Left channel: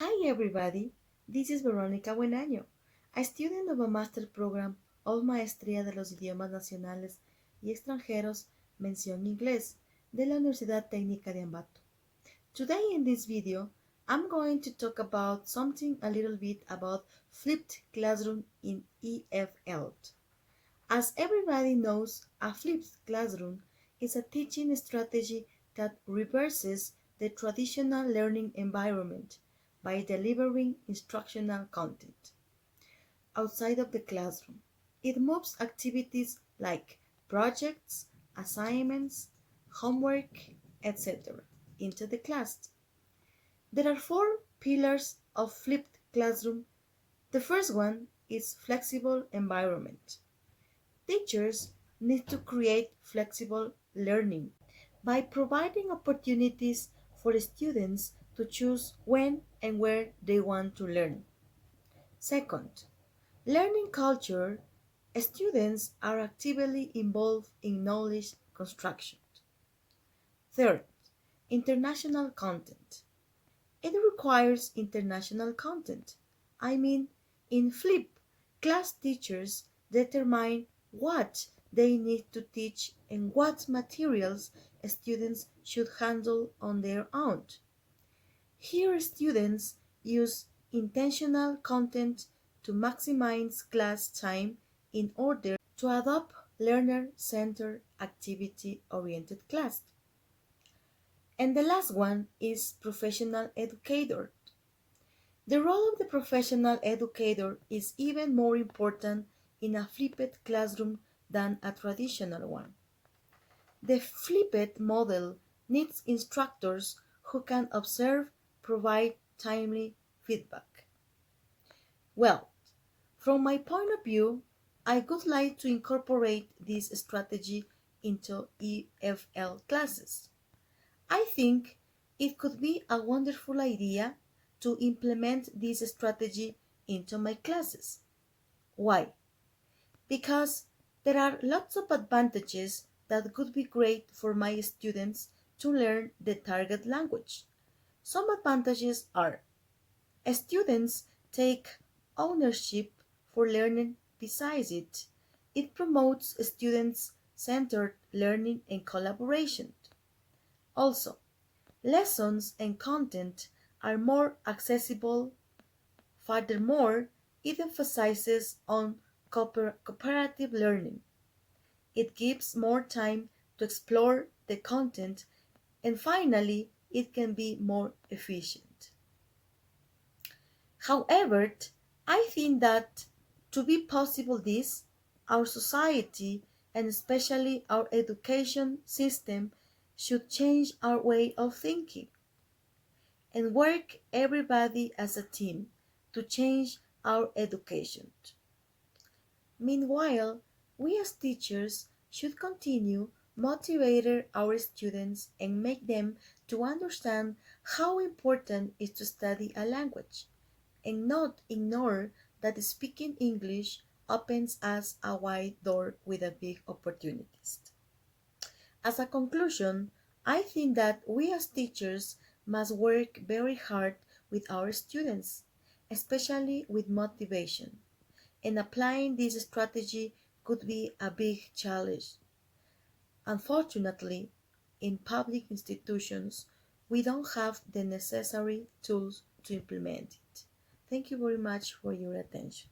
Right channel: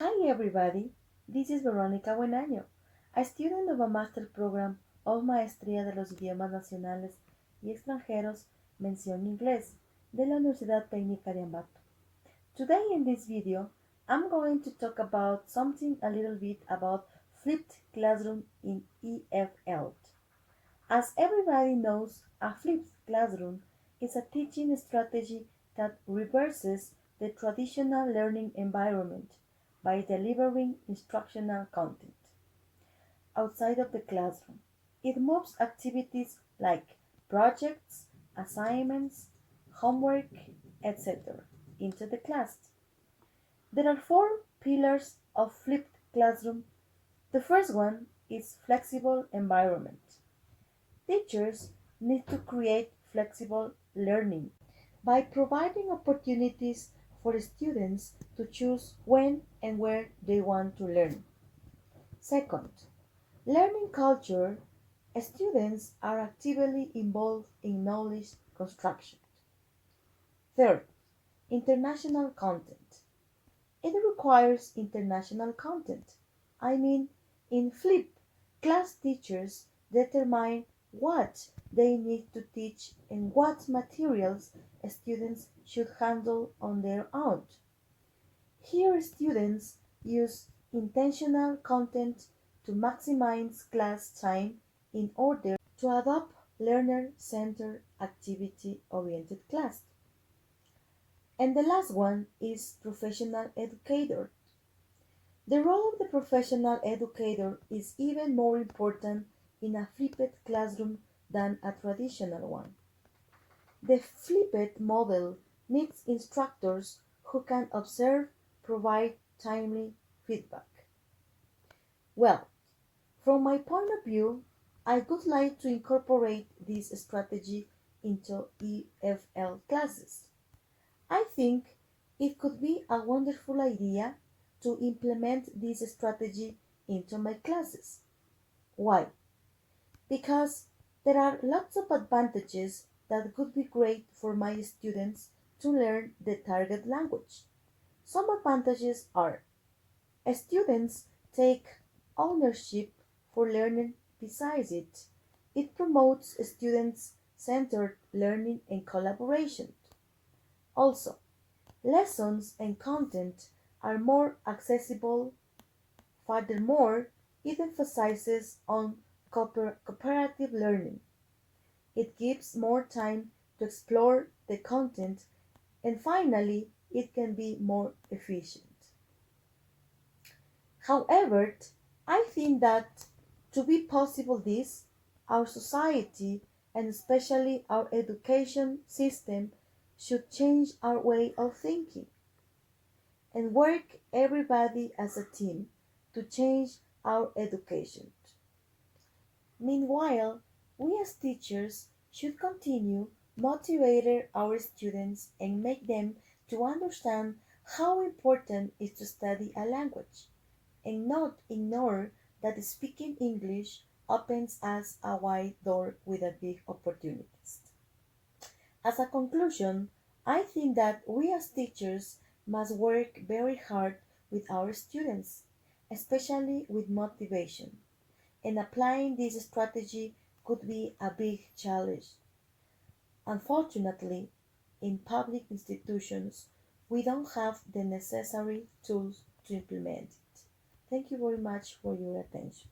Hi everybody, this is Verónica Buenaño, a student of a master program of Maestría de los Idiomas Nacionales y Extranjeros Mención Inglés de la Universidad Técnica de Ambato. Today in this video, I'm going to talk about something a little bit about flipped classroom in EFL. As everybody knows, a flipped classroom is a teaching strategy that reverses the traditional learning environment by delivering instructional content outside of the classroom. It moves activities like projects, assignments, homework, etc. into the class. There are four pillars of flipped classroom. The first one is flexible environment. Teachers need to create flexible learning by providing opportunities for students to choose when and where they want to learn. Second, learning culture. Students are actively involved in knowledge construction. Third, international content. It requires international content. I mean, in FLIP, class teachers determine what they need to teach and what materials students should handle on their own. Here, students use intentional content to maximize class time in order to adopt learner-centered activity-oriented class. And the last one is professional educator. The role of the professional educator is even more important in a flipped classroom than a traditional one. The flipped model needs instructors who can observe, provide timely feedback. Well, from my point of view, I would like to incorporate this strategy into EFL classes. I think it could be a wonderful idea to implement this strategy into my classes. Why? Because there are lots of advantages that could be great for my students to learn the target language. Some advantages are students take ownership for learning. Besides it promotes student-centered learning and collaboration. Also, lessons and content are more accessible. Furthermore, it emphasizes on cooperative learning. It gives more time to explore the content, and finally, it can be more efficient. However, I think that to be possible this, our society and especially our education system should change our way of thinking and work everybody as a team to change our education. Meanwhile, we as teachers should continue motivating our students and make them to understand how important it is to study a language and not ignore that speaking English opens us a wide door with a big opportunities. As a conclusion, I think that we as teachers must work very hard with our students, especially with motivation. And applying this strategy could be a big challenge. Unfortunately, in public institutions, we don't have the necessary tools to implement it. Thank you very much for your attention.